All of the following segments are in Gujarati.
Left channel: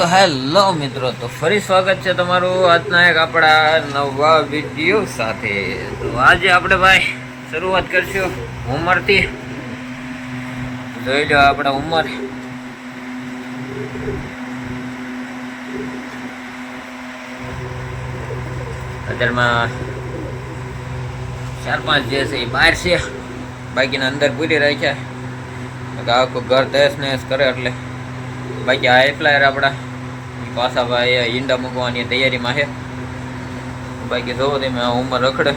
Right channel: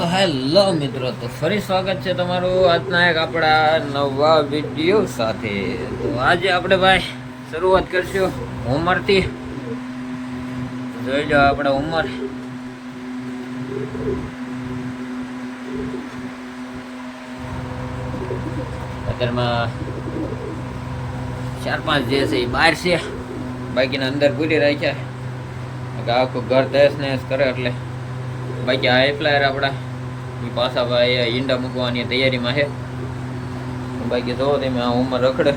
તો હેલો મિત્રો, તો ફરી સ્વાગત છે તમારું આજના એક આપણા નવા વિડીયો સાથે. તો આજે આપણે ભાઈ શરૂઆત કરશું ઉંમરથી. જોઈ લો આપણે ઉંમર. અત્યારમાં 4-5 જે છે એ બહાર છે, બાકીના અંદર પૂરી રાખ્યા. આખું ઘર તહેસ નહેસ કરે એટલે બાકી હાઈ ફ્લાયર આપણા પાછા ભાઈ ઈંડા મૂકવાની તૈયારીમાં છે. બાકી જોવો તમે આ ઉંમર રખડે.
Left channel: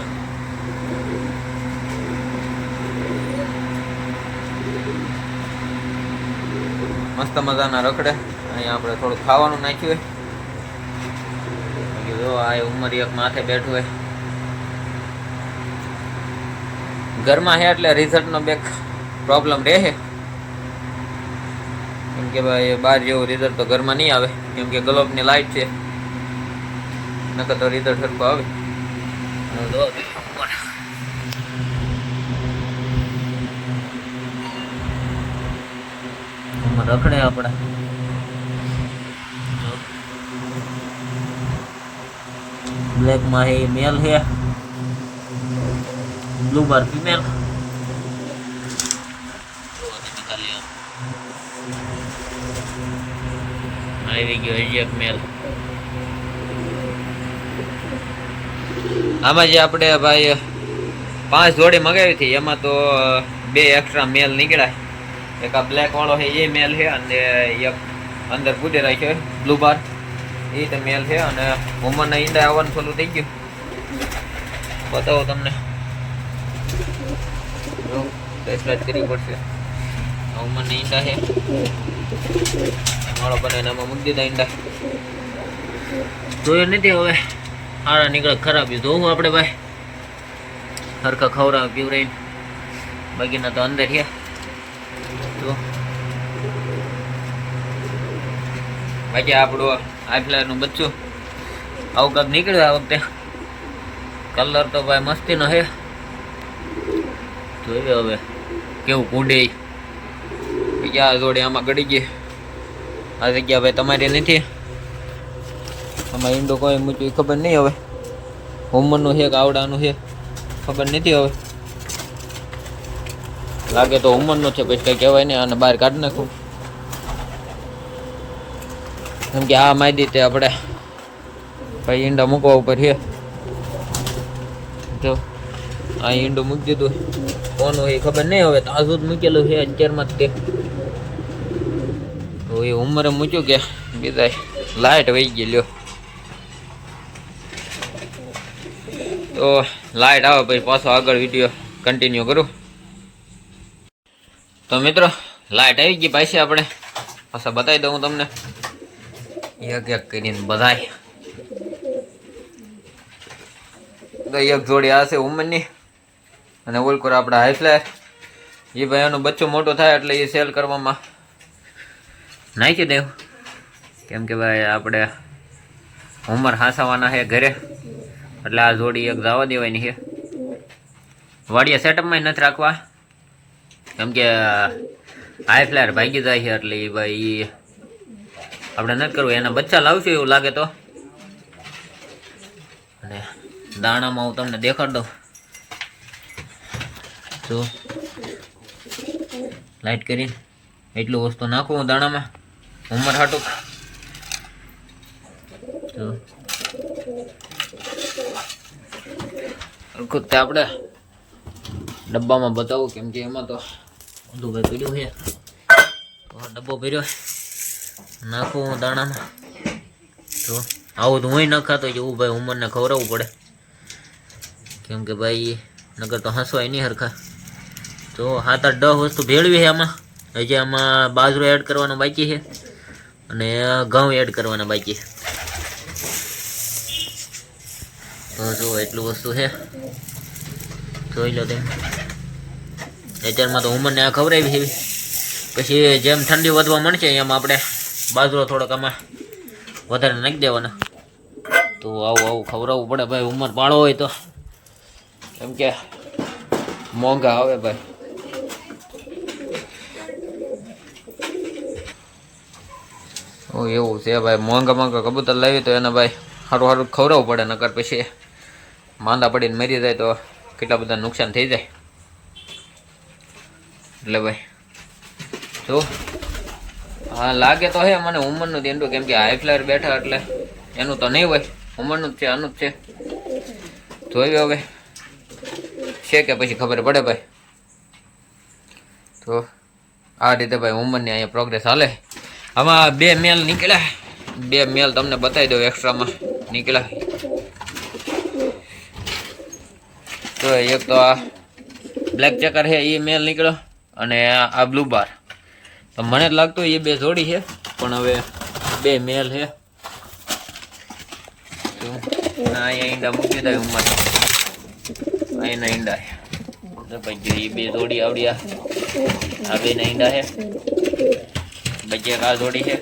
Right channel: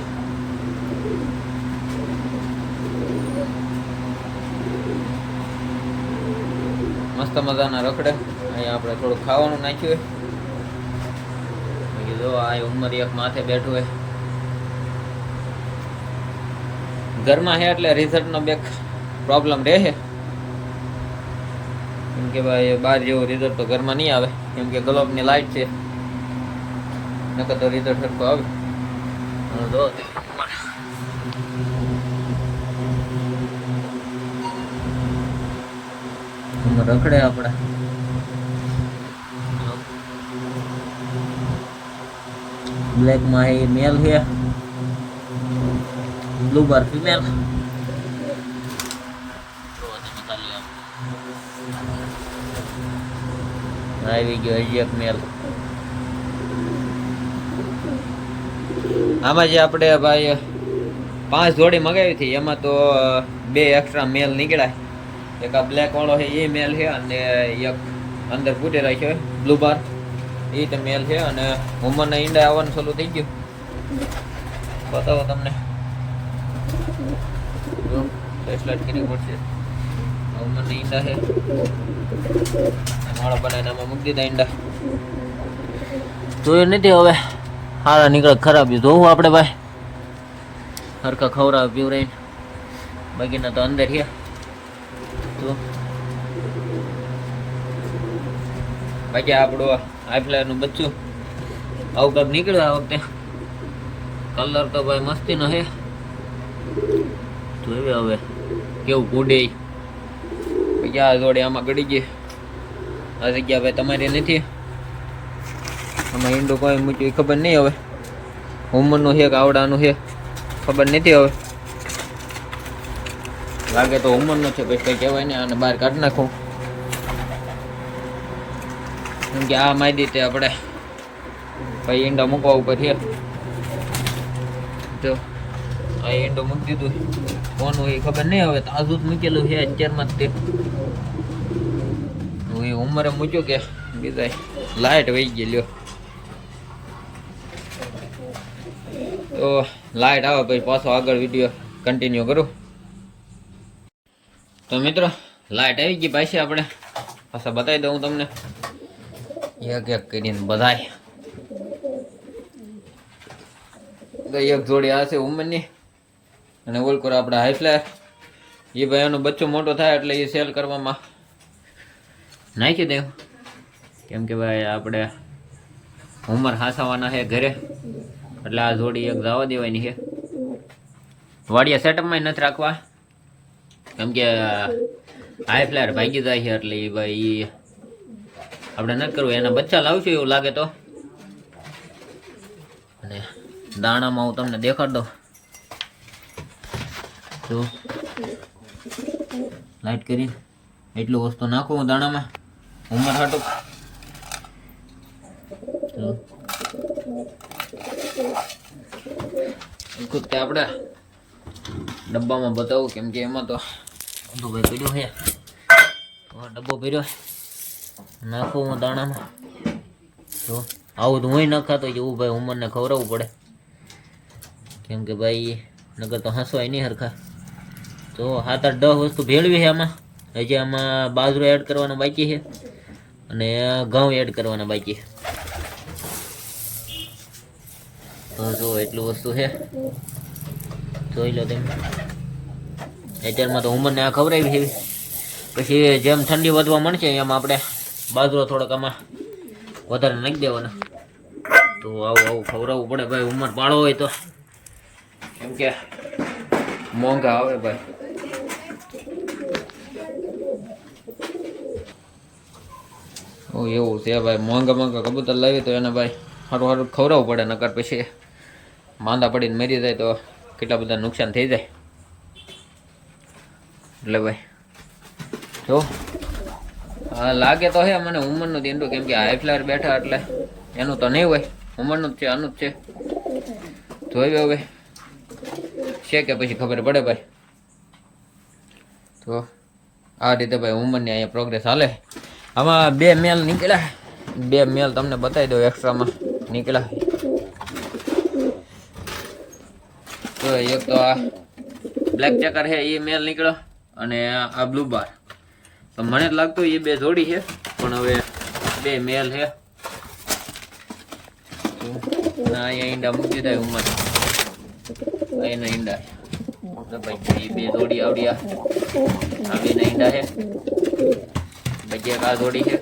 મસ્ત મજાના રખડે. અહીંયા આપણે થોડુંક ખાવાનું નાખ્યું હોય. બાકી જો આ ઉંમર એક માથે બેઠું હોય. ઘરમાં છે એટલે રિઝલ્ટનો બેક પ્રોબ્લેમ રહે, કેમ કે ભાઈ બહાર જેવું રિઝલ્ટ તો ઘરમાં નહીં આવે, કેમ કે ગ્લોબની લાઇટ છે, નકર તો રિઝલ્ટ સરખું આવે. ઉંમર રખડે આપણે. બ્લેકમાં એ મેલ છે, બ્લુ બાર ફિમેલ. આવી ગયો હજી એક મેલ. આમાં જે આપણે ભાઈ 5 જોડી મગાવી હતી એમાં તો 2 એક્સ્ટ્રા મેલ નીકળ્યા. એક આ બ્લેક વાળો છે એ મેલ છે, અને એક અંદર પૂરી રાખ્યો બ્લુ બાર એ તો મેલ છે. અને ઉંમરના ઈંડા આવવાનું ચાલુ થઈ ગયું. બતાવો તમને, એટલા જ કરવી પડશે. ઉંમરના ઈંડા છે, માળો બનાવીને આમાં મૂકી દીધા ઈંડા. જોયું નથી હવે સારા નીકળે ખરાબ જોવું આપણે ભાઈ. હરખા ખવડાવે પીવરાઈને, બાકીના તો અંદર છે. તો બાકી આપણું હાઈ ફ્લાયરનું બચ્ચું આવું કાંક નીકળ્યું આ વખતે. કલર તો ભાઈ મસ્તીનો છે. જોયું હવે કેવું કૂડે. પછી આ જોડે આમાં ગળી ગઈ. આ જગ્યા ભાઈ તમારી નથી. આમાં ઈંડો કોઈ મૂક્યું ખબર નહીં. હવે ઉંમરનું છે કે આવડાનું છે ખબર નથી. હવે લાગે તો ઉંમરનું છે, પછી કંઈ કહેવાય નહીં. આને બહાર કાઢી નાખું, કેમ કે આ માહિતી તે આપણે ભાઈ ઈંડા મૂકવા ઉપર છે. તો આ ઈંડો મૂકી દીધું, કોનું એ ખબર નહીં. હવે તાજું જ મૂકેલું છે અંચારમાં જ તે. તો એ ઉંમરે મૂક્યું કે બીજા લાઇટ વહી ગઈ. લ્યો તો લાઇટ આવે પછી પાછો આગળ વિડીયો કન્ટિન્યુ કરું. તો મિત્રો લાઇટ આવી ગઈ પાછી. આપણે પાછા બતાવી દઉં તમને એક એક કરીને બધાય. તો એક જોડી આ છે ઉંમરની, અને ઓલકોર આપણા હાઈ ફ્લાયર. એ ભાઈ એનું બચ્ચું મોટું થાય એટલે એ સેલ કરવામાં નાખી દેવું, કેમ કે ભાઈ આપણે ઉંમર હાંસવાના છે ઘરે, એટલે આ જોડી એક જવા દેવાની છે. વાડિયા સેટઅપમાં નથી રાખવા, કેમ કે હાઈ ફ્લાયર ભાગી જાય છે. એટલે એ ભાઈ આપણે નથી કરવું. એના બચ્ચા લાવશું એવું લાગે તો. અને દાણામાં હું તમને દેખાડ દઉં. તો લાઈટ કરી એટલું વસ્તુ નાખવું દાણામાં ઉંમર હાટું. તો વખતે આપણે ડબ્બામાં બતાવું, કેમ કે એમાં તો બધું ભાઈ પીડ્યું છે. તો આ ડબ્બો ભર્યો નાખું હું દાણામાં. તો આવું તો હું ન ખાતો એવું ભાઈ ઉંમરને ખવડાવવું પડે, કેમ કે ભાઈ નગર તો હસવાય નહીં હરખા. તો 7-8-10 વસ્તુ ભેળવી છે આમાં. હજી આમાં બાજરો એડ કરવાનો બાકી છે, અને ઘઉં એડ કરવાના બાકી છે. તો જો એટલું વસ્તુ છે, જોઈ લો તમે. અત્યારમાં તો ઉંમરને આ ખવડાવી છે. પછી જેમ ઠંડી વધવા મળશે એમ આપણે બાજરો થોડોક આમાં વધારે નાખી દેવાના. તો આવું આવું ખવડાવવું પડે ભાઈ ઉંમર પાડો હોય તો, કેમ કે મોંઘા આવે ભાઈ. ઓ એવું છે ભાઈ, મોંઘા મોંઘા કબૂતર લાવી તો એને ભાઈ સારું સારું ખવડાવવું પડે, નકર પછી માંદા પડીને મરી જાય તો કેટલા બધા નુકસાન થઈ જાય. એટલે ભાઈ જો હા લાગે તો હે મને ઉંમરનું દેંડું, કેમ કે હાઈ ફ્લાયર બેઠા એટલે એનું તો નહીં હોય, ઉંમરનું જ છે, આનું જ છે. જોયું હવે છે કે પછી ખબર પડે ભાઈ. તો આ રીતે ભાઈ ઉંમરની અહીંયા પ્રોગ્રેસ હાલે. આમાં 2 મેલ નીકળ્યા, 2 મેલ તમને બતાવી દઉં એક્સ્ટ્રામાં નીકળ્યા. તો એક તો આ બ્લેક ચેકર છે એ મેલ નીકળ્યો, અને આ બ્લુ બાર. તો મને જ લાગતું એ 2 જોડી છે, પણ હવે 2 મેલ છે. તો અહીંયા ઈંડા મૂકી દીધા ઉંમર, અહીંના ઈંડા છે ભાઈ. એ 2 જોડી આવડ્યા, આ 2 ના ઈંડા છે. પછી એક આ જોડી છે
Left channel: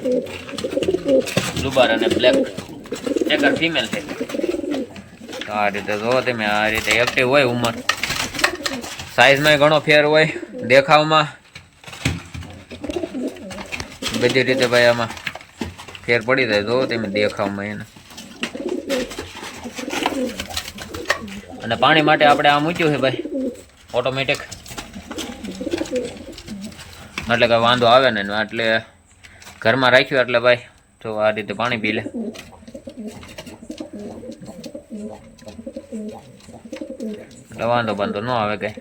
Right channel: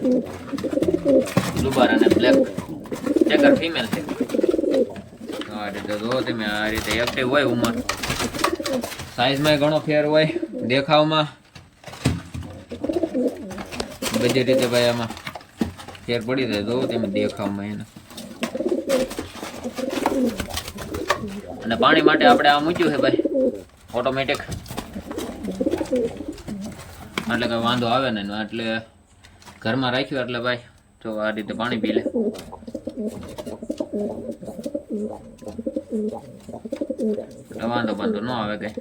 બ્લુ બાર અને બ્લેક ચેકર ફિમેલ છે. આ રીતે જો તમે, આ રીતે એક્ટિવ હોય ઉંમર. સાઈઝમાં ઘણો ફેર હોય, દેખાવમાં બધી રીતે ભાઈ આમાં ફેર પડી જાય. જો તમે દેખાવમાં એને. અને પાણી માટે આપણે આ મૂક્યું છે ભાઈ ઓટોમેટિક, એટલે કે વાંધો આવે ને. એટલે ઘરમાં રાખ્યું એટલે ભાઈ તો આ રીતે પાણી પી લે. વાંધો બંધો ન આવે કઈ.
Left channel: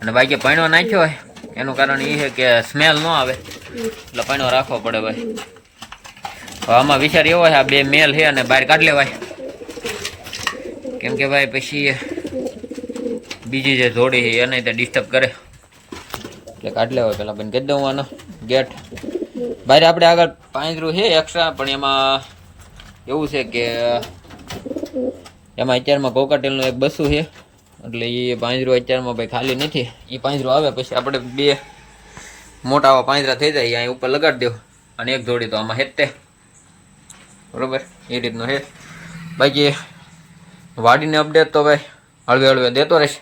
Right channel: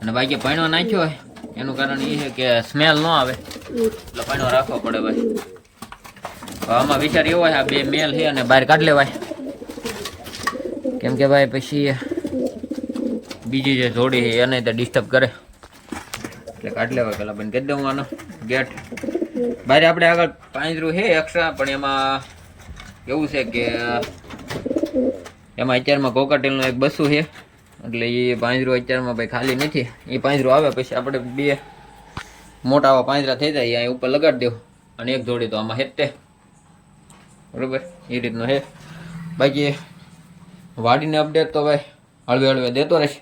અને બાકી પાણીઓ નાખ્યો હોય એનું કારણ એ છે કે સ્મેલ ન આવે, એટલે પાણીઓ રાખવો પડે ભાઈ. આમાં વિચાર એવો છે આ 2 મેલ છે અને બહાર કાઢી લેવાય, કેમ કે ભાઈ પછી બીજી જે જોડી છે એને તે ડિસ્ટર્બ કરે, એટલે કાઢી લેવાય. પેલા બંધ કરી દઉં આનો ગેટ. બહાર આપણે આગળ પાંજરું છે એક્સ્ટ્રા, પણ એમાં એવું છે કે એમાં અત્યારમાં કોકાટેલનું એક બસ્સું છે, એટલે એ પાંજરું અત્યારમાં ભાઈ ખાલી નથી. એ પાંજરું આવે પછી આપણે 2 મોટા આવા પાંજરા થઈ જાય અહીંયા ઉપર લગાડી દેવું, અને એક જોડી તો આમાં હેતે બરોબર. એ રીતનું છે. બાકી વાડીને અપડેટ તો ભાઈ હળવે હળવે દેતો રહેશે.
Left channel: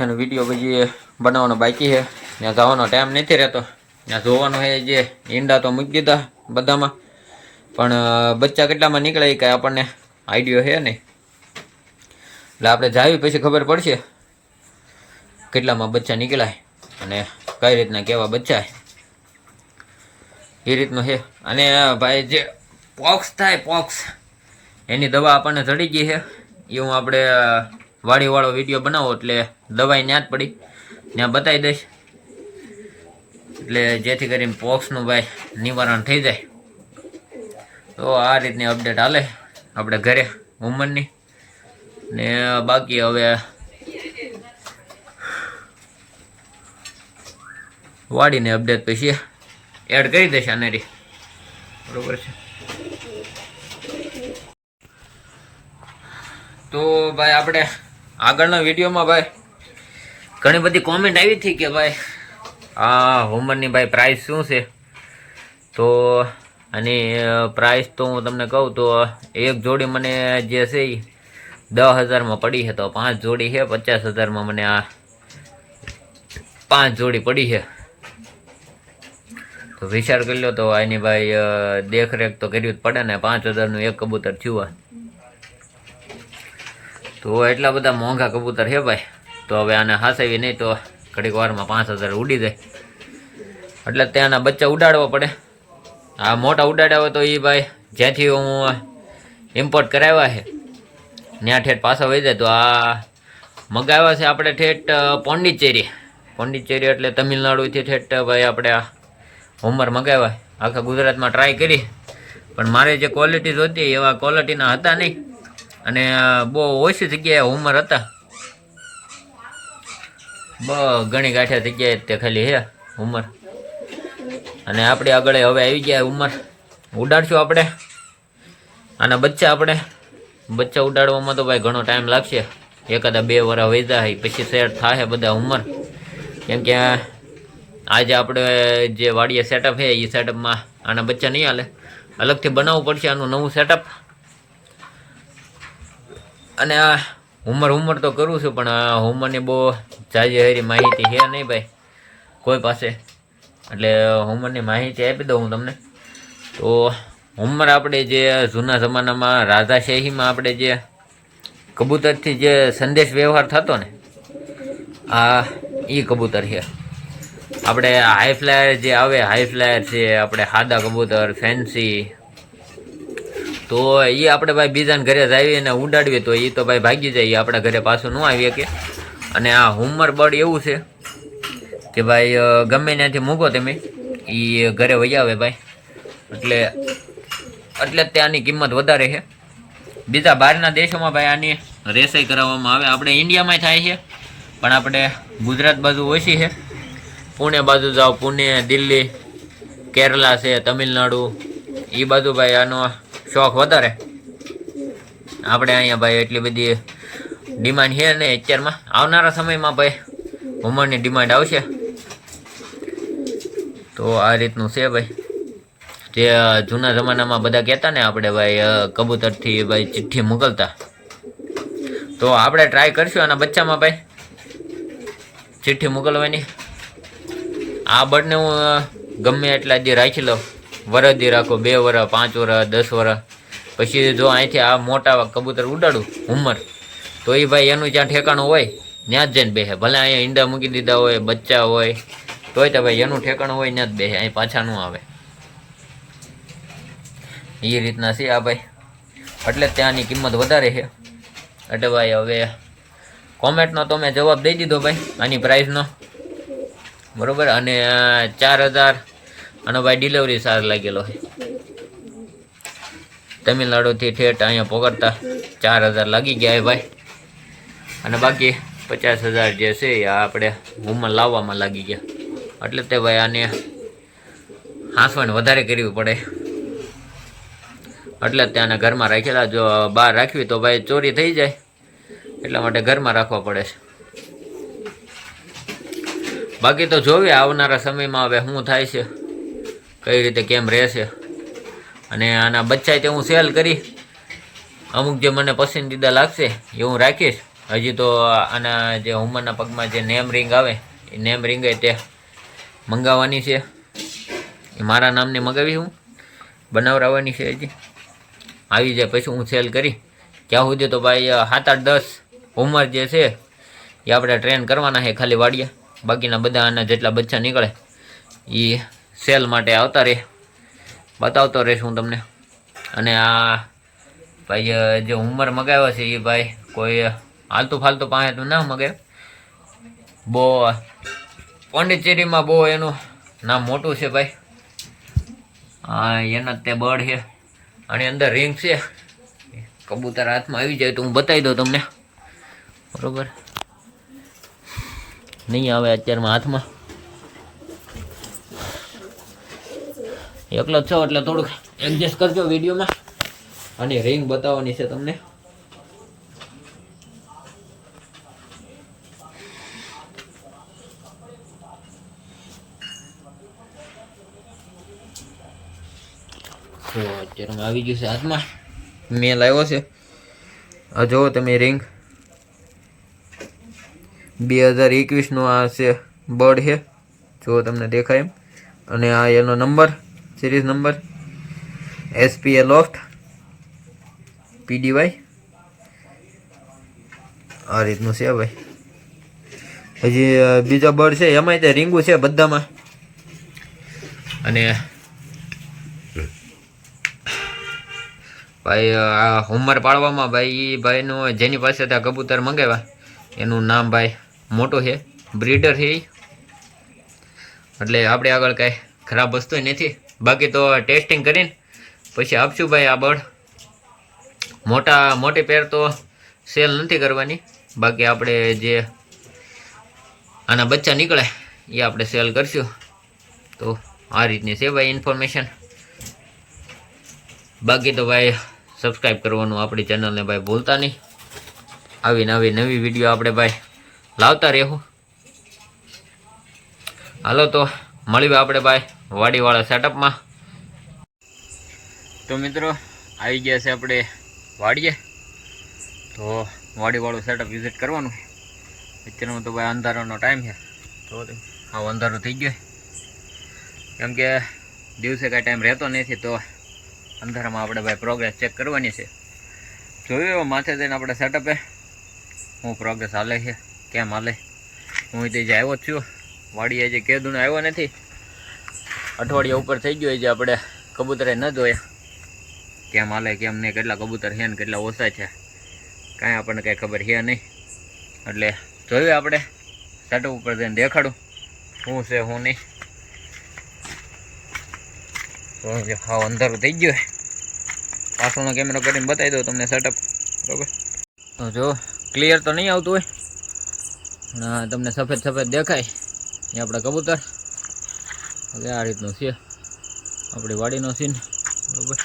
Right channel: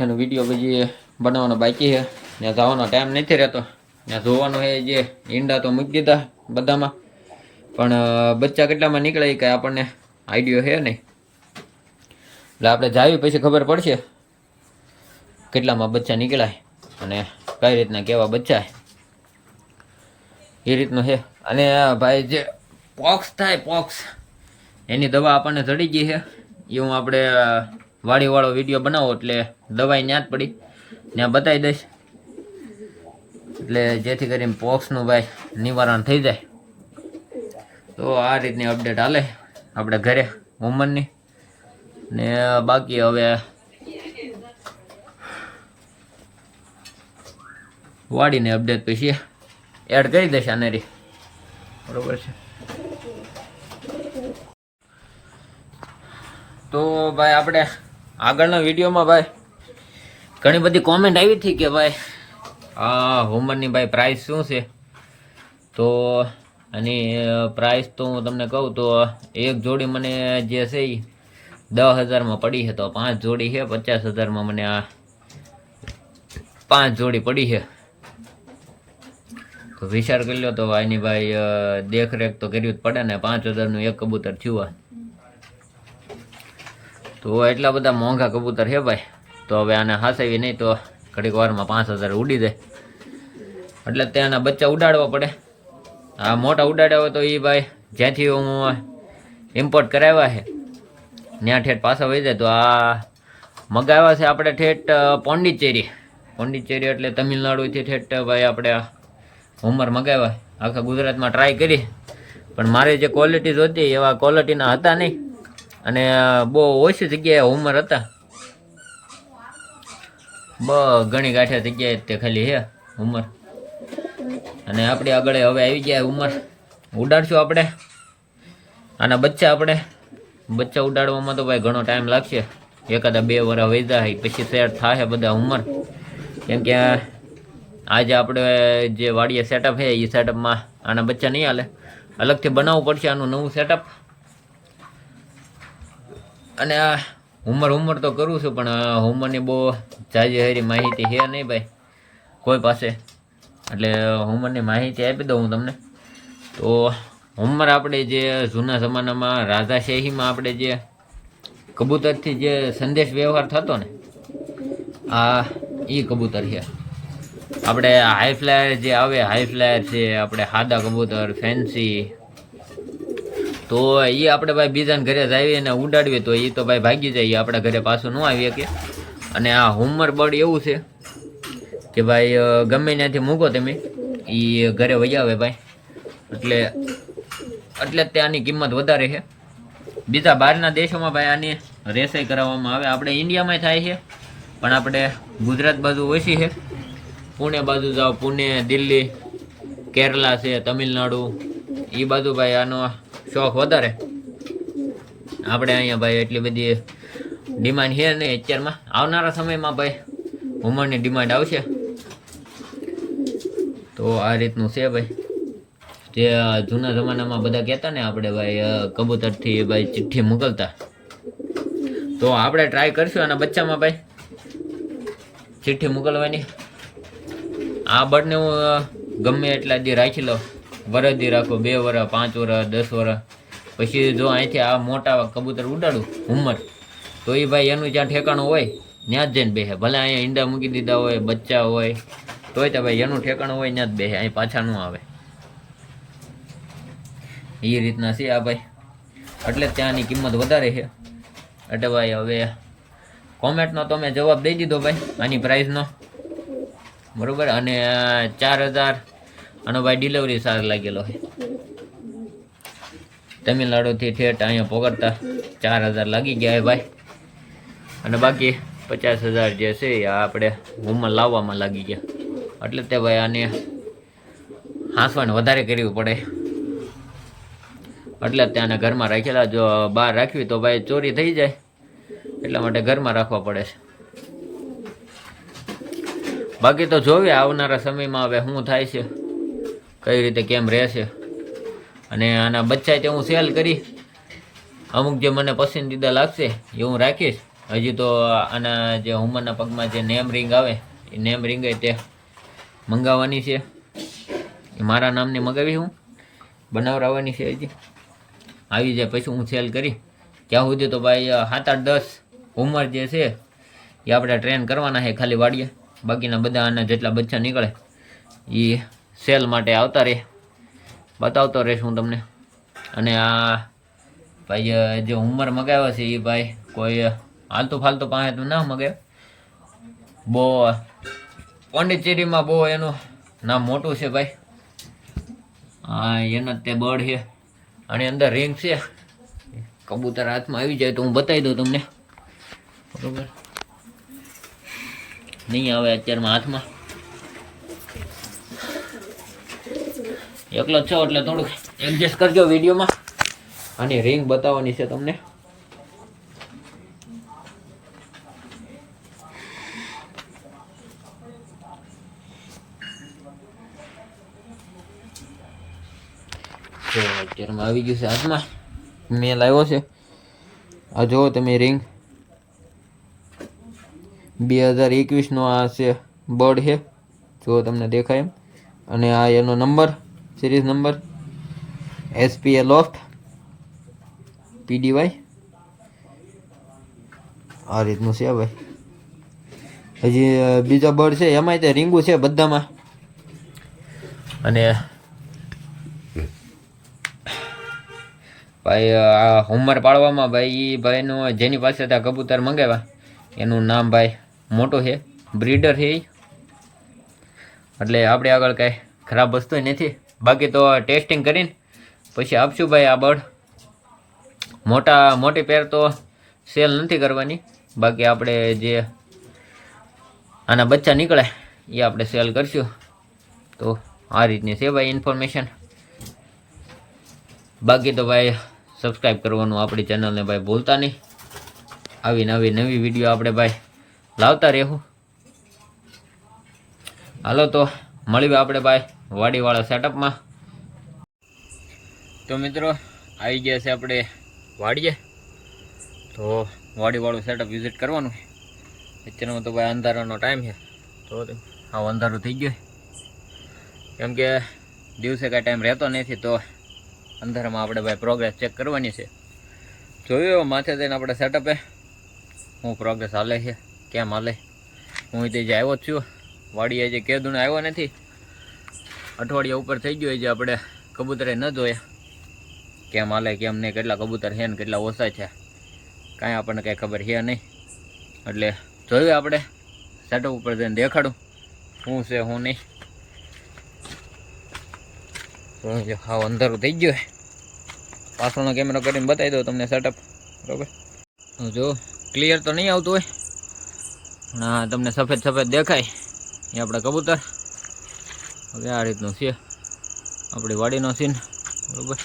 એનો વિડીયો પછી બનાવવાનો બાકી છે, ત્યાં જવાનો ટાઈમ નથી રહેતો. ત્યાં જોવાનું છે જે ઈંડા તો મૂકી દીધા બધામાં, પણ બચ્ચા કેટલામાં નીકળે એ કાંઈ આપણને આઈડિયો છે નહીં. એટલે આપણે જાવી પછી ખબર પડશે કેટલામાં બચ્ચા નીકળાય અને કઈ રીતના કેવા બચ્ચા એ રીતનું છે. અને ભાઈ જે પોક્સ થાય, પોક્સ એની દવા આપણને ચડી ગઈ છે. એ હું આપણે વાડીવાળો વિડીયો બનાવો એટલે દવાઈ ત્યાં જ પડી, ત્યાં બતાવી દઈશ, એટલે જેથી કરીને પોક્સનું ભાઈ નિવારણ થઈ જાય. તો આ રીતની અપડેટ હાલે આપણે ઘરે ઉંમરની. ને બાકી હવે વાડીને અપડેટ પછી એડ કરી દેશે આનેરી, બરોબર છે. તો ભાઈ આપણે આગળના વિડીયોમાં ભાઈ ઘણી બધી કોમેન્ટ આવી હતી કે ભાઈ આ હોમરની ભાઈ પ્રાઇસ શું છે. તો આની પ્રાઇસ તો હું તમને કહું તો એક જોડી મને જે છે એ 10,000માં પડી છે. તો 5 જોડી છે 50,000માં મને આ 5 જોડી પડી છે. તો વિચાર કરી લો તો આની ભાઈ દેખરેખ તો કરવી જ પડે ને. 5,000નું એક કબૂતર થયું. તો એટલા બધા મોંઘા કબૂતર છે ભાઈ. તો હવે આને હાસવી નહીં તો ઘડીક વારમાં 5,000 ઉડી જાય, એટલે ત્યાંના બચ્ચા ઉડાડવા પડે. આ મોટા ઉડાડ્યા હોય તો એ ભાઈ જ્યાંથી હું ઇમ્પોર્ટ કરાવ્યા છે ત્યાં ઠેઠ પાછા વહી જાય. તો આ મગાવ્યા છે આપણે ઠેઠ પોંડિચેરી. પોંડિચેરી એટલે તમિલનાડુથી ઠેઠ ભાઈ આપણે આ હોમર મગાવ્યા. આખા ગુજરાતમાં ટ્રાય કરી, પણ મારી જે ક્વોલિટીઝ હતી એવા ક્વોલિટીના હતા નહીં, અને બહુ ઓછી જગ્યાએ હોમર હતા. ઘણી ગાંઠ્યા જગ્યાએ તે ખાલી છે ઉંમર. અને આપણી આગળ હવે આવી ગયા ઉંમર. ઉડાડશું આપણે આના બચ્ચા. આપણે બચ્ચા ઉડાડવામાં તો ભાઈ ઘણો ટાઈમ લાગશે, એકાદા 2 વર્ષ વહી જાય પછી સેટ થાય બધા ઉંમર. કેમ કે આજે આપણે જે વાડીએ સેટઅપ છે એ સેટઅપમાં આના બચ્ચા નહીં હાલે, અલગથી બનાવવું પડશે આનું નવું સેટઅપ. અને આ ઉંમર તો કરું છું, પણ આ ઉંમરની બહુ જાજી હારી માહિતી છે નહીં ભાઈ કોઈ પાસે, એટલે હુમરની માહિતી આપી દઉં હું તમને. તો હુમર આપણે જે જૂના જમાનામાં રાજાશાહીમાં આપણે જે કબૂતરથી જે સંદેશ વ્યવહાર થતો ને, આ એ કબૂતર છે. આપણે હાઈ ફ્લાયર જે આવે, હાઈ ફ્લાયર છે આપણે સાદા કબૂતર ફેન્સી, તો એ આપણે ભાઈ બીજાને ઘરે જાવી અને ઉડાડીએ તો એ તો ભાઈ ભાગી જાય, આપણા ઘરે પાછું ન આવી શકે. અને આ હુમર બર્ડ એવું છે કે ભાઈ ગમે ત્યાંથી મૂકો તમે, એ ઘરે વહી આવે ભાઈ. એટલે ત્યાંની કિંમત વધારે છે. બીજા બહારના દેશોમાં ભાઈ આની રેસાઈ કરાવવામાં આવે. આપણે ઇન્ડિયામાં થાય છે, પણ આપણે ગુજરાત બાજુ ઓછી છે. પુણે બાજુ જાઓ, પુણે, દિલ્હી, કેરલા છે, તમિલનાડુ, એ બાજુ ભાઈ આનો શોખ વધારે. આપણે અહીંયા ભાઈ એટલી બધી ડિમાન્ડ છે નહીં અત્યારમાં. આવનારા સમયમાં ભાઈ હુમરની ડિમાન્ડ આવશે. તો આ રીતનું છે ભાઈ. જે જૂના જમાનામાં બધા કહેતા ને આપણે ભાઈ કબૂતરથી ભાઈ ચિઠ્ઠી મોકલતા, તો આપણે ટ્રાય કરશું આના બચ્ચામાં ભાઈ ચિઠ્ઠી મોકલવાની. આ બર્ડને હું ગમે એટલા દી રાખી લઉં, વરસ દી રાખો, 2 વર્ષ, 5 વર્ષ, 10 વર્ષ, પછી જો અહીંથી આ મોટા કબૂતર ઉડાડું હુમર, તો એ ભાઈ એનું જ્યાં ઠેકાણું હોય ત્યાં જ જઈને બેસે. ભલે અહીંયા ઈંડા મૂકી દીધા હોય, બચ્ચા હોય, તોય તો ભાઈ એનું ઠેકાણું હોય ત્યાં જ બેસે, અહીં પાછા ન આવે. એ રીતના છે આ ભાઈ. એટલે ત્યાંની કિંમત વધારે છે. એટલે ભાઈ હવે કોમેન્ટનો તો મેં જવાબ દઈ દીધો ભાઈ આની પ્રાઇસનો, બરાબર. અને 4000 આનો ભાઈ ડિલિવરી ચાર્જ લાગેલો છે. તમિલનાડુથી ઠેઠ અહીંયા પહોંચતા 4000 લાગી ગયા છે ભાઈ. અને બાકી 50,000 જે છે એ આપણે હુમર લાવવામાં લાગી ગયા. એટલે તે ભાઈ આને હાંસવાને વધારે કરવી પડે. એટલે ત્યાંના ઘરમાં રાખેલા. જો બહાર રાખવી તો ભાઈ ચોરી થઈ જાય, એટલા માટે ઘરમાં રાખવા પડે છે. બાકી તો જોઈએ આવનારા સમયમાં હવે શું થાય છે, કઈ રીતે કેમ રહેશે. અને આના બચ્ચા તે હું સેલ કરી, અમુક જે મને પસંદીદા લાગશે એ હું રાખીશ. હજી તો આના જે હુમરના પગમાં જે નેમ રિંગ આવે, એ નેમ રિંગ તે મંગાવવાની છે. એ મારા નામની મગાવી, હું બનાવરાવવાની છે. હજી આવી જાય પછી હું સેલ કરી. ત્યાં સુધી તો ભાઈ 7-8-10 હુમર જે છે એ આપણે ટ્રેન કરવાના છે ખાલી વાડીએ. બાકીના બધા આના જેટલા બચ્ચા નીકળે એ સેલ માટે આવતા રહે, બતાવતો રહીશ હું તમને. અને આ ભાઈ જે હુમર મગાવ્યો છે એ ભાઈ કોઈ હાલતું ફાલતું પાસે તો ના મગાવે. બહુ પોંડિચેરીમાં બહુ એનું નામ મોટું છે ભાઈ. હા, એના તે બર્ડ છે. આની અંદર રિંગ છે. કબૂતર હાથમાં આવી જાય તો હું બતાવી દઉં તમને, બરોબર. નહીં આવે અત્યારમાં હાથમાં, એકલો જ છો એટલે થોડુંક એડજસ્ટ કરજો વિડીયોમાં. આની રિંગ બતાવવાની છે તમને. તો અત્યારમાં આવી ગયું છે હાથમાં, મેલ આવ્યો છે. આ જુઓ તમે રિંગ 2021 આ છે બર્ડ છે, જો તમને દેખાય એમ. અને આ એનો number, series number SPA loft PDY આ રીતનું છે ભાઈ. હજી બીજા બર્ડ છે એમાંય તે રીંગું છે બધામાં. અને ભાઈ આ હુમર પાડવામાં ભાઈ એ ભાઈનું જેની પાસે ત્યાં કબૂતર મંગાવ્યા એનું નામ ભાઈ મોટો છે, બ્રીડર છે. એટલે આપણે આગળ કાંઈ ખરાબ વસ્તુ નથી. બાકી તો ટેસ્ટિંગ કરીને પછી આપશું ભાઈ આ બર્ડ. મોટી પેર તો સેલ નથી કરવાની. બાકી આપણે જે આના બચ્ચા નીકળે એ આપણે સેલ કરશું. તો આ રીતની છે ભાઈ ઇન્ફોર્મેશન. બાકી તો ભાઈ સબસ્ક્રાઈબ કરવાનું આપણી ચેનલને ભાઈ ભૂલતા નહીં. આવી નવી વિડીયો આપણે ભાઈ લાવતા રહેવું. હાલો તો મળીએ આપણે ભાઈ વાડીવાળા સેટઅપમાં. તો મિત્રો આવી ગયા છે આપણે વાડીએ. તો વાડીવાળું સેટઅપ વિઝિટ કરવાનું. અત્યારનો તો ભાઈ અંધારાનો ટાઈમ છે. તો આવું અંધારું થઈ ગયું. કેમ કે દિવસે કાંઈ ટાઈમ રહેતો નથી, તો અંધારામાં આપણે ભાઈ પ્રોગ્રેસ ચેક કરવાની છે. જોયું માથે જઈને આપણે સેટઅપે હું પ્રોગ્રેસ હાલે છે, કેમ હાલે. હું તે જે આવ્યો જ છું વાડીએ, જે કેદુને આવ્યો નથી, અઠવાડિયા ઉપર થઈ ગયો. જે આપણે કબૂતરે ન જોયા કેમ હાલે કેમ નહીં, કેટલા કબૂતર છે ને કેટલા ઓછા છે, કાંઈ આપણને કાંઈ ખબર છે નહીં. એટલે જોયું આપણે સેટઅપ ઉપર જઈને દેખાડું શું છે શું નહીં. હું જે હાવ અંધારું થઈ ગયું, પાછળનો કેમેરો કરીને બતાવી દઉં તમને સેટઅપ. બરાબર, તો જો ક્લિયર તો નહીં આવતું હોય, પણ તમને સફેદ સફેદ દેખાય એ આપણા કબૂતર. હવે આ રીતનું છે આપણી વાડીનો સીન. બરાબર,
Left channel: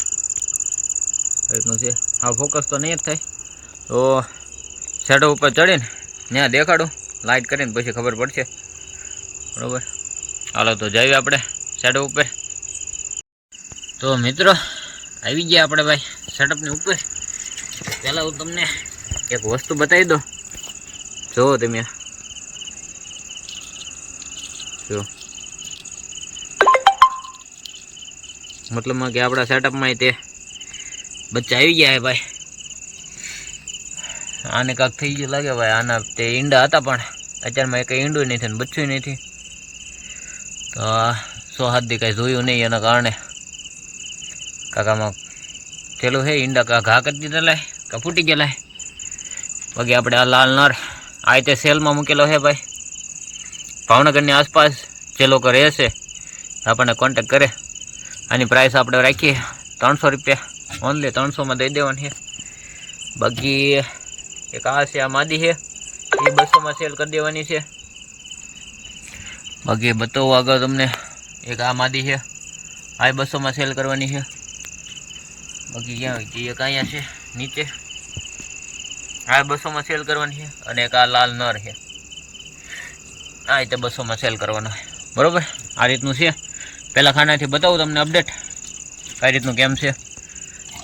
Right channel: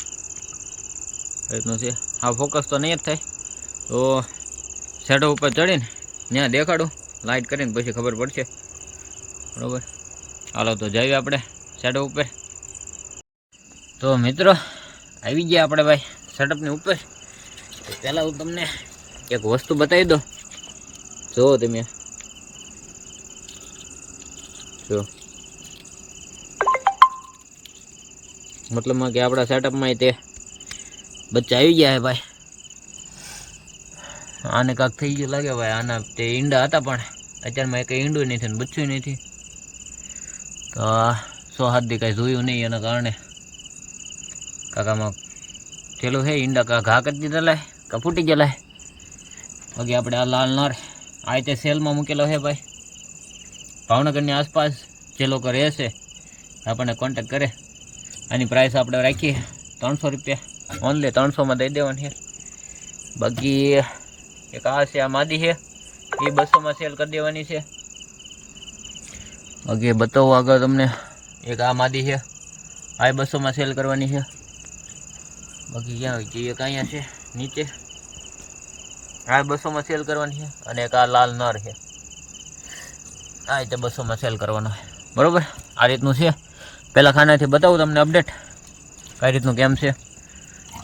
આ રીતનું છે. હા, ફોકસ તો નહીં જ થાય, તો સેટઅપ ઉપર ચડીને ત્યાં દેખાડું લાઇટ કરીને, પછી ખબર પડશે. બરાબર, હાલો તો જઈએ આપણે સેટઅપ ઉપર. તો મિત્રો આવી ગયા આપણે ભાઈ સેટઅપની ઉપર. પહેલાં હું તમને એક વસ્તુ બતાવી દઉં. જુઓ તમે, જો મતલબમાં કે આપણા સેટઅપમાં તે બચ્ચા આવી ગયા હે ભાઈ. આને કાંક થઈ ગયું લાગે ભાઈ. આના તે ઈંડા હતા, પણ અત્યારમાં કંઈ ઈંડું નથી ને બચ્ચું નથી. તો 100 દી કાંઈ જોયું નહીં, એના કારણે કાકામાં ચેલું હે ઈંડા ઘા કરી દીધા લાય કા ફૂટી ગયેલા. બાકી આપણે આ લાલ નર આ રીતે સેલમાં મૂકેલો હે ભાઈ. ભાવનગરની આસપાસ જે લોકો રહેશે આપણને કોન્ટેક કરે. આની પ્રાઇસ આપણે રાખીએ 300 રૂપિયા, ઓનલી 300માં દઈ દેવાની છે. બાકી એક આ છે, આ માદી છે, એ 200માં સેલ કરી દેવાની છે. બાકી બતાવું આગળ તમને, એક આ માદી છે, આ 200માં સેલ કરવાની છે. બાકી ક્યાં હોય છે, એક અહીંયા છે નીચે, આ 200માં સેલ કરવાની છે. અને એક આ લાલ નર છે, આ રીતે 200માં સેલ કરવાનો છે. બરાબર, આ રીતનું છે. પહેલાં ખાનાથી બતાવું તમને અપડેટ કઈ રીતનું કેમ છે.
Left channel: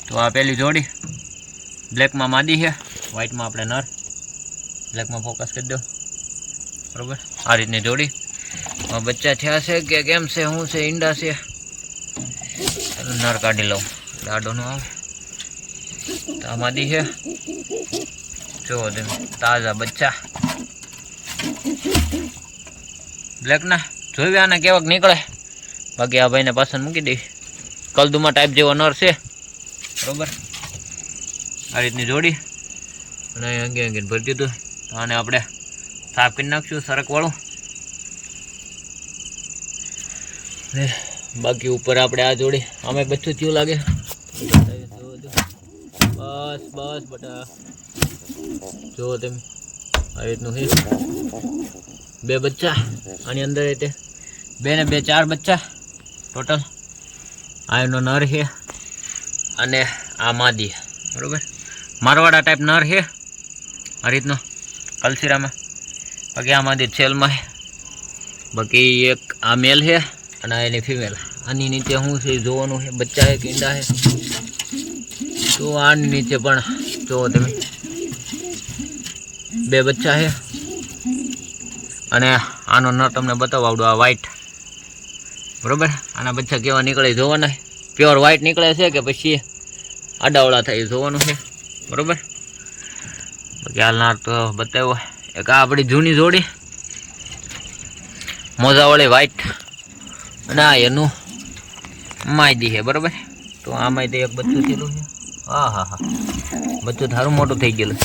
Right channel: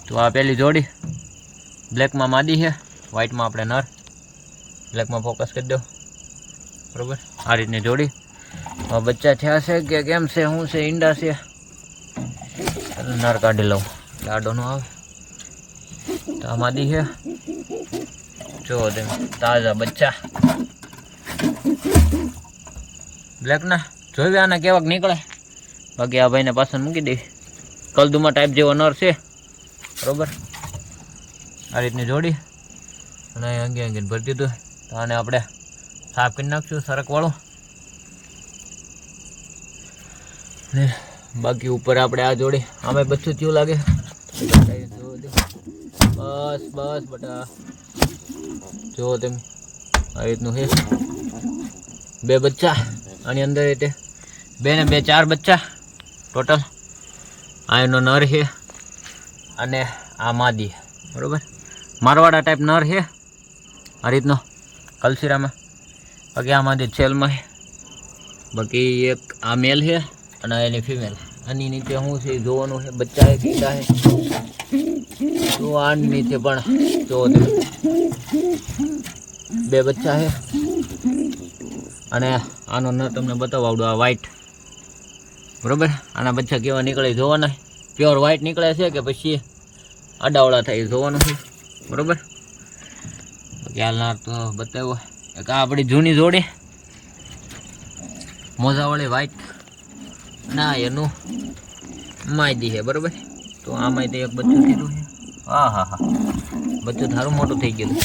તો આ પહેલી જોડી બ્લેકમાં માદી છે, વ્હાઇટમાં આપણે નર. બ્લેકમાં ફોકસ કરી દો. બરાબર, આ રીતની જોડી. બચ્ચા થયા છે કે કેમ છે, શું છે, ઈંડા છે. નર કાઢી લઉં, લાડો નો આવે. આ માદી છે, જો તમે તાજા બચ્ચા બ્લેકના. જોઈ આને કેવાક નીકળે. બાકી આ ભાઈને પાછળ મૂકી દઈ. કલદુમા ટાઈપ જેવો નર છે. બરાબર, આ રીતની જોડી. અને અંગે અંગે ભરી દીધું. તો આને આપણે સાફ કરી નાખશું સરકવાળું. ને બાકી ઉપર આપણે આ જોડી, આમે બચ્ચું થયું લાગે. બસ બસ બટા, જુઓ તમે આ રીતનું છે. 2 બચ્ચા આની અંદર, એટલે 2 ને 2 4 બચ્ચા ટોટલ. આ એનો નર છે અને આ માદી. બરાબર, મારવાડા ટાઈપ નર છે આ રીતનો કલસીરામાં. બાકી આ માદી છેલમાં છે. બાકી એક આ મેલ છે અને એની ફિમેલ. આની નીચે શું છે જોવાનું છે, બચ્ચા છે ઈંડા છે. તો આની નીચે પણ જો તમે 2 બચ્ચા છે. અને આનો નર તમને બતાવું આવડું, આ વ્હાઈટ. બરાબર, આના બચ્ચા કેવા નીકળે જોવાના. પ્યોર વ્હાઈટ નીકળે છે કે પછી આડાવડા થાય જોવાનું છે. બરાબર, બાકી આ નાર તો બતાવ્યો. એક આ આપણી જૂની જોડી મોજાવાળી વ્હાઈટ, અને આ એનું માયદી છે. બરાબર, તો આ માયદી એક બચ્ચું કીધું છે. હા હા હા, બચ્ચું થારું મોટું થઈ ગયેલું.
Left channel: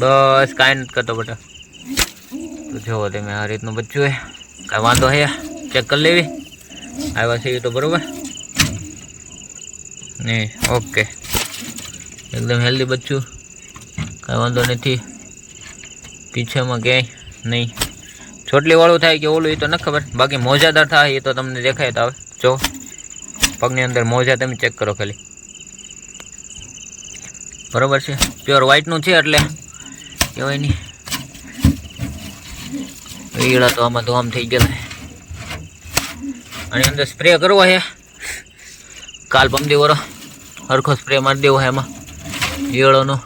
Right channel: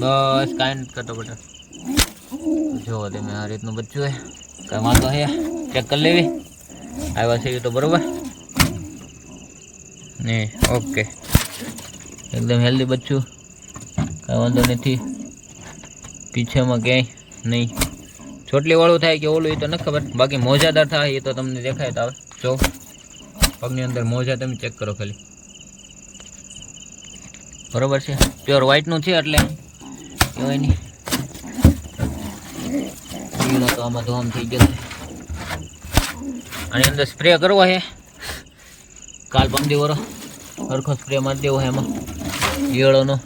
બસ કાંઈ નથી કરતો બેટા. તો જુઓ તમે આ રીતનું બચ્ચું છે. કાંઈ વાંધો છે ચેક કરી લેવી આવ્યા છે એ તો. બરાબર ને, ઓકે, એકદમ હેલ્ધી બચ્ચું, કાંઈ વાંધો નથી. પીછેમાં ક્યાંય નહીં ચોટલીવાળું થાય કે ઓલું એ તો નથી ખબર. બાકી મોજાદાર થાય એ તો તમને દેખાય. તો આવે જો પગની અંદર મોજા તમે ચેક કરો ખાલી. બરાબર છે, પ્યોર વ્હાઈટનું છે એટલે કહેવાય નહીં. ઈળા તો આમાં ધોમ થઈ ગયા. આની અંદર સ્પ્રે કરવો છે. કાલ પમદી વરો સરખો સ્પ્રે મારી દેવો છે એમાં ઈયળોનો,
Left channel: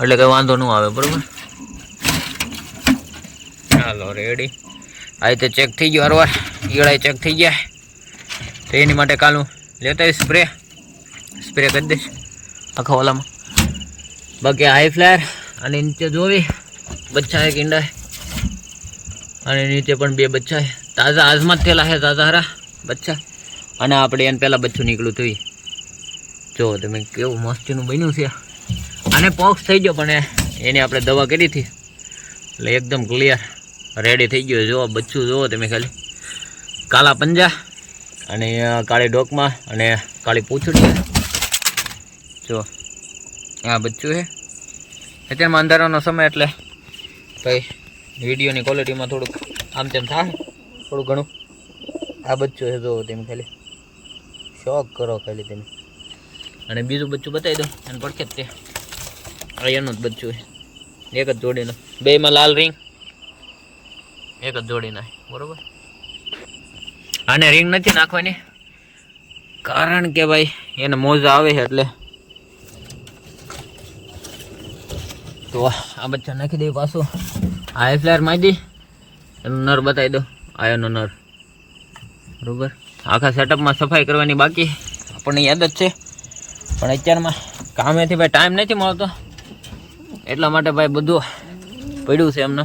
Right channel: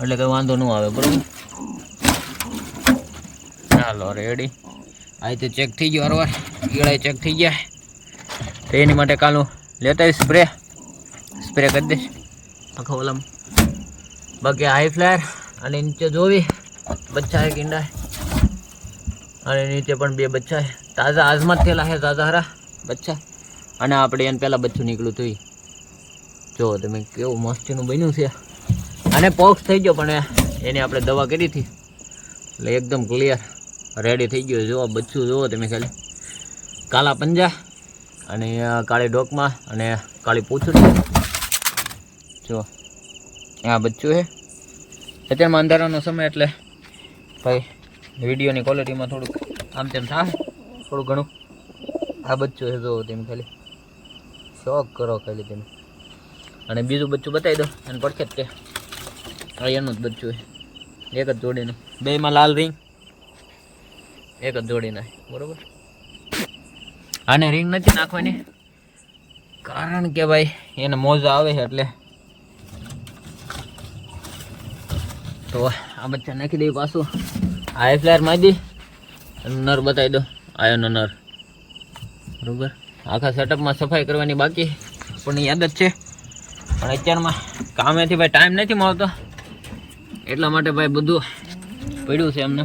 એટલે કંઈ વાંધો ન આવે. બરાબર, ચાલો રેડી. આ રીતે ચેક થઈ ગયો હરવાર. ઈળાઈ ચેક થઈ ગયા, તો એની માટે કાલું લેતા આવીશ સ્પ્રે કરી દઈશ આખા ઓલામાં. બાકી હાઈ ફ્લાયર અને નીચે જોવી બચ્ચા હે ઈંડા, અને નીચે પણ 2 બચ્ચા છે તાજા, આજમાં જ થયેલા છે તાજા હારા બચ્ચા. અને આપણે એને પહેલાં બચ્ચું નીકળ્યું હતું. જો તમે કેવું મસ્તીનું બન્યું છે. અને પોક્સ થઈ ગયો, પણ એની આપણે દવા કરી હતી એટલે એકદમ ક્લિયર રેડી થઈ ગયો. જુઓ બચ્ચું જુઓ તમે ખાલી, કાળા પંજા અને કાળી ડોકમાં અને કાળી પૂંછડી. જો આ બચ્ચું છે. અત્યારમાં અંધારાનો સમય એટલે ભાઈ વિડીયોની ક્વોલિટીમાં થોડુંક આમ તેમ થાય થોડું ઘણું. આ બચ્ચું છે જુઓ તમે ખાલી, શોખ કરો ખાલી તમે. અને બીજું બચ્ચું બતાવી દો અને પડખે જ તે એનું જ બચ્ચું છે, એક જ જોડીનું, બેમાં લાલ રિંગ, એક જ જોડીના બરોબર. આને રિંગ નથી નાખવાની કારણ કે ભાઈ એને મોજા આવે છે એટલે. તો આ બચ્ચા નાખી દઈએ પાછું. હાઈ ફ્લાયર મારી દી, એનું નર બતાવી દો, આયોનો નર બરોબર. આખા સેટઅપમાં સફાઈ કરવાની બાકી આપણને યાદ જ છે, પણ અત્યારમાં કામેથી ભાઈ ટાઈમ નથી મળતો એટલા માટે ભાઈ બધું પડ્યું છે એમને.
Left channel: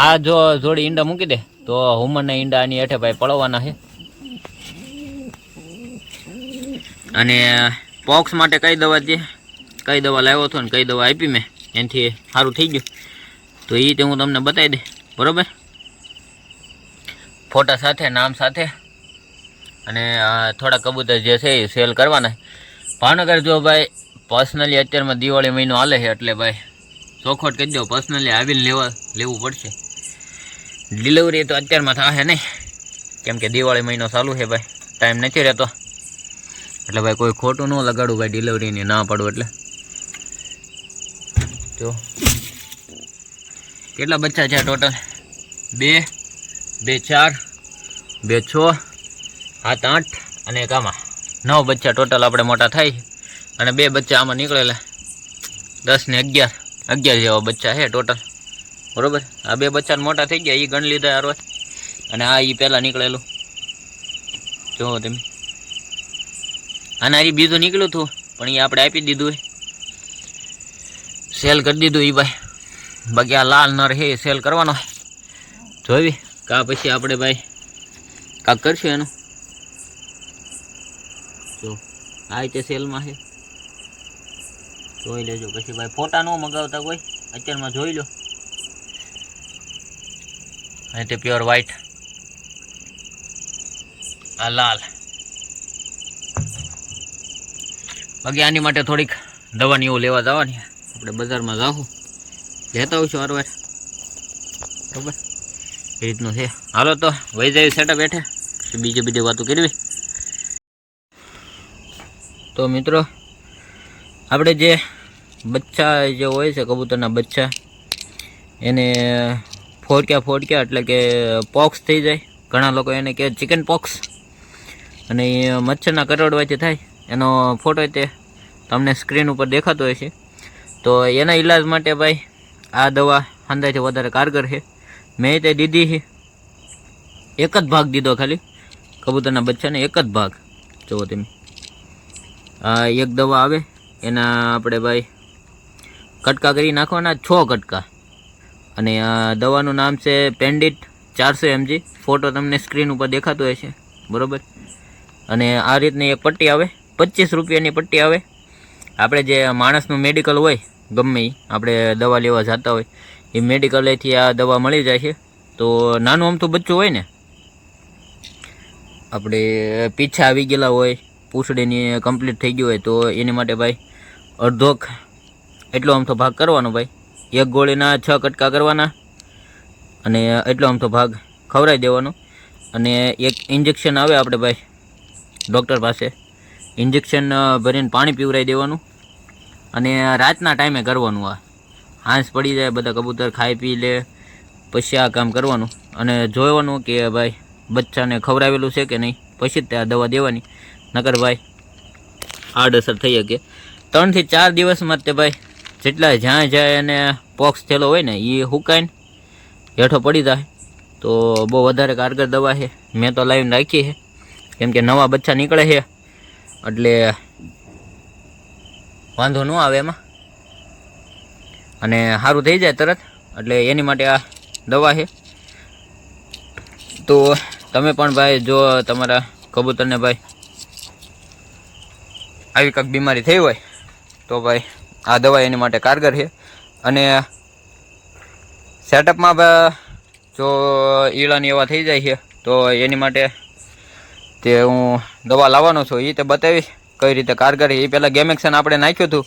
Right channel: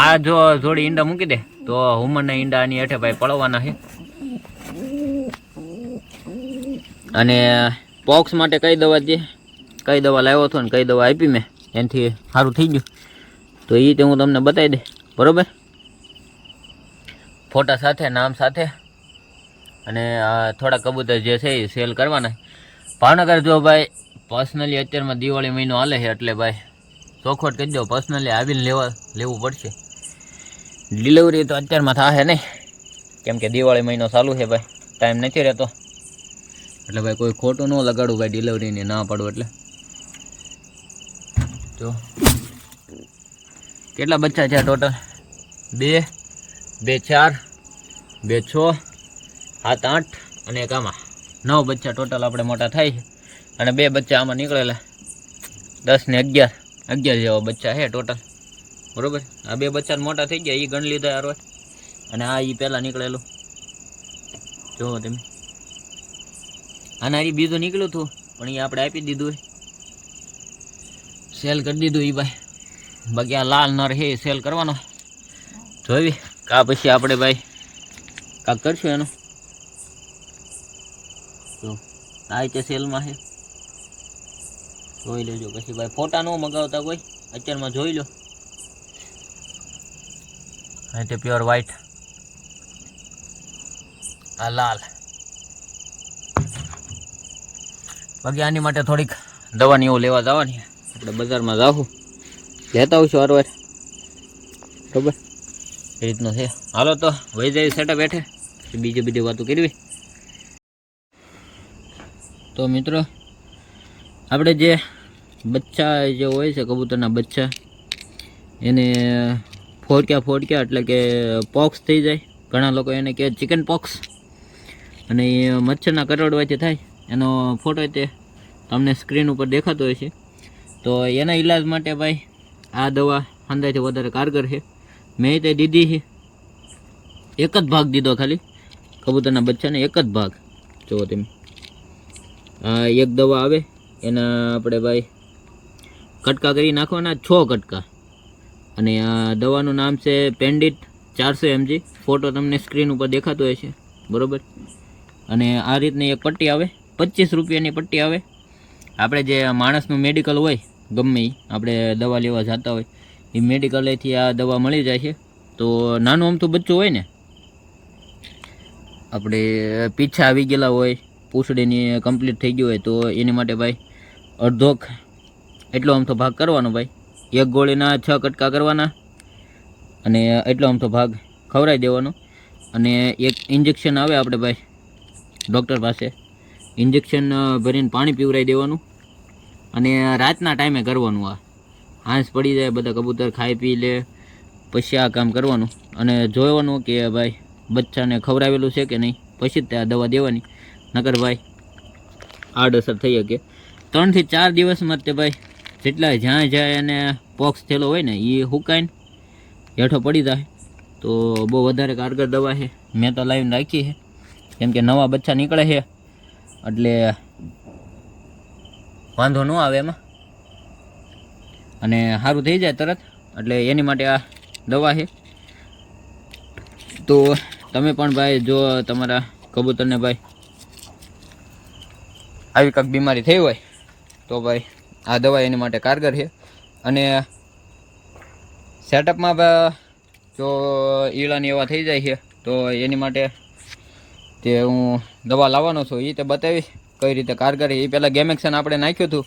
આ જો જોડી ઈંડા મૂકી દે તો હુમરના ઈંડા આની હેઠે ભાઈ પડવાના છે. અને પોક્સ માટે કઈ દવા દે, કઈ દવા લાવ્યો હતો ને કઈ દવા આપી મેં, એનાથી સારું થઈ ગયું તો એ તે હું તમને બતાવી દે બરાબર, ફોટા સાથે નામ સાથે. અને થોડા કબૂતર જે છે એ સેલ કરવાના. ભાવનગર જો ભાઈ પર્સનલી અત્યારમાં દિવાળી મહિનો હાલે છે એટલે ભાઈ ચોખવટ કરી દો, પર્સનલી આવીને લેવું પડશે. ડિલિવરી તો અત્યારમાં થશે નહીં કેમ કે દિવાળી મહિનો ચાલુ છે ભાઈ, ટાઈમ નથી રહેતો એટલે ભાઈ કોઈ ખોટું ન લગાડવું ભાઈ, ડિલિવરીની ના પડવું એટલે. જો કેટલા બચ્ચા છે ટોટલ? 2, 2, 4, 2, 6, 7, 8 અને એક આમાં 9 બચ્ચા ટોટલ આપણે મોટા થાય છે. અને 2 બચ્ચા આમાં નીકળેલા 10 ને 11 જેવા બચ્ચા છે ટોટલ બરોબર. આ 2 બચ્ચા મોટા થઈ ગયા એ ગણ લીધા યાર. અને આ એ પહેલાં નીકળેલું જુઓ તમે, આના એ બીજું નીકળ્યું હતું પણ એ આપણે આપી દીધું, સેલ કરી દીધું એ ભાઈ. બાકી આ લાલ નર છે સેલ કરવાનો જોઈ કા પછી આપણે ભાઈ કાંક કરશું એનું. જો આ રીતે સેલમાં છે જોઈ લેજો. પછી ભાઈ ફોટા ન મગાવતા કોઈ અત્યારમાં જોઈ લો. અહીં તે પ્યોર વ્હાઈટ, આ લાલ. બાકી આની માટે થોડીક દવાની એવું લેવા જવાની, આપણે બજારમાં જાવું લેતા આવશું હરવાર બરાબર. એ રીતનું છે. હાલો તો વહી જાય સેટઅપ હેઠે, બીજી વાતો કરવી. તો મિત્રો આપણે જે બચ્ચા જે હોય છે કબૂતરના બચ્ચા, એને ફોડક્યા એટલે કે પોક્સ થઈ જાય. ઘણા લોકો એને કહે ચિકન પોક્સ, અને એ મચ્છરના કરડવાથી થાય. એનો ફોટો તે તમને સ્ક્રીન ઉપર દેખાતો હોય છે. તો એના ઈલાજ માટે ભાઈ આ દવા અંદાજથી વધારે કારગર છે. મેં તે દીધી છે, એક જ ભાગ દીધો ખાલી કબૂતરના બચ્ચાને, એક જ ભાગ. જુઓ તમે આ એક દવા આવે એના આપણે ભાઈ કટકા કરી નાખવાના 6 કટકા. અને આ દવાનું નામ છે પેન્ડિટ 400 mg. ફોટો તમને સ્ક્રીન ઉપર દેખાતો હોય છે બરાબર. અને આ રીતની એક પટ્ટી આવે, 25 રૂપિયાની પટ્ટી આવે. આપણે જે માણસનું મેડિકલ હોય ગમે એ આપણે દવા લેવા જતા હોય એ મેડિકલેથી આ દવા મળી જાય છે. તો નાનું અમથું બચ્ચું હોય ને, આપણે પીછા આવી ગયેલા હોય, પૂંછડીની કમ્પ્લીટ થઈ ગયું હોય, તો એની માટે ભાઈ અડધોક એટલો અમથો ભાગ કરવાનો ભાઈ. એક ગોળીના 6 કટકા કરવાના અને એટલો અમથો ભાગ ખવડાવી દેવાનો. અને એક ઇન્જેક્શન આવે આપણે ભાઈ ડૉક્ટર પાસે, ઇન્જેક્શન ભરીને પાણી પીવડાવી દેવાનું. અને રાતના ટાઈમે કરવાનું. આ હાંસ પડી જાય, બધા કબૂતર ખાઈ પી લે પછી આ કામ કરવાનું. અને જોવાનું કે ભાઈ બચ્ચાને ખવડાવેલું છે કે નહીં, પછી જ તે આ દવા દેવાની. નકર ભાઈ આડઅસર થઈ શકે. 3 થી 4 દિવસમાં તે ભાઈ જેટલા જ્યાં એને પોક્સ થયેલો હોય ને એ હુકાઈને હેઠો પડી જાય. તો બહુ વધારે કારગર દવા છે. મેં તો લાવીને રાખી છે કેમ કે નવા બચ્ચા નીકળે છે એટલે વાંધો ન આવે એમાં અને સારું થઈ જાય તરત, એટલે એની માટે આ દવા છે. તો તમે પણ ભાઈ જો તમારા કબૂતરને ભાઈ આવી કંઈક બીમારી થઈ હોય તો ભાઈ આ દવા એની માટે કારગર છે. અને સેટઅપમાં જો ઈળાની એવા થઈ જાય છે તો એની માટે તે હું દવા લાવવાનો છું, એ તે બતાવીશ કઈ રીતે કારગર છે. એ પહેલાં ગેમેક્સન આપણે નાખ્યું હતું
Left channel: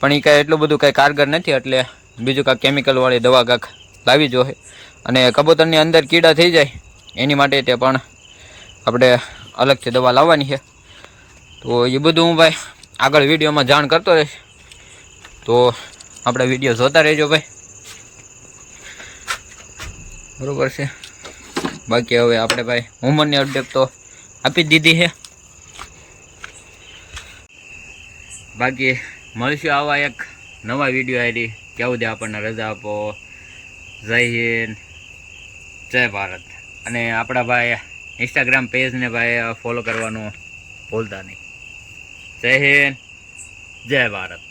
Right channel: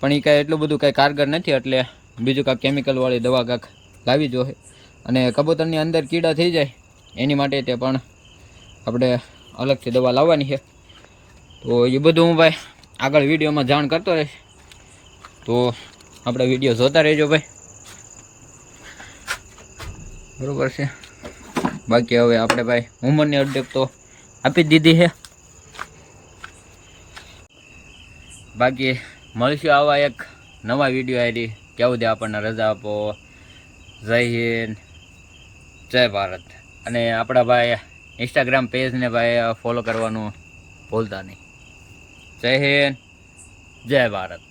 પણ એ કાંઈ એટલું બધું કાંઈ કારગર નથી, એટલે બીજું કાંઈક કેમિકલવાળી દવા કાંઈક લાવી જોઈએ. અને કબૂતરની અંદર કીડા થઈ જાય એની માટે તે પણ આપણે અલગથી દવા લાવવાની છે. તો એ બધું હું ભાઈ આગળ વિડીયોમાં જાણ કરતો રહીશ, તો આપણે વિડીયો જોતા રહેજો ભાઈ, બરાબર છે. બાકી હવે આપણે ભાઈ ઉંમરની અપડેટ તો આપી જ દીધી છે. બાકી મળશું આવા એક નવા વિડીયો આવી ત્યાં સુધી આપણને રજા આપો. જય હિન્દ, જય ભારત. અને આપણા ભાઈ ઇન્સ્ટાગ્રામ પેજને ભાઈ ફોલો કરવાનું ભૂલતા નહીં. જય હિન્દ, જય ભારત.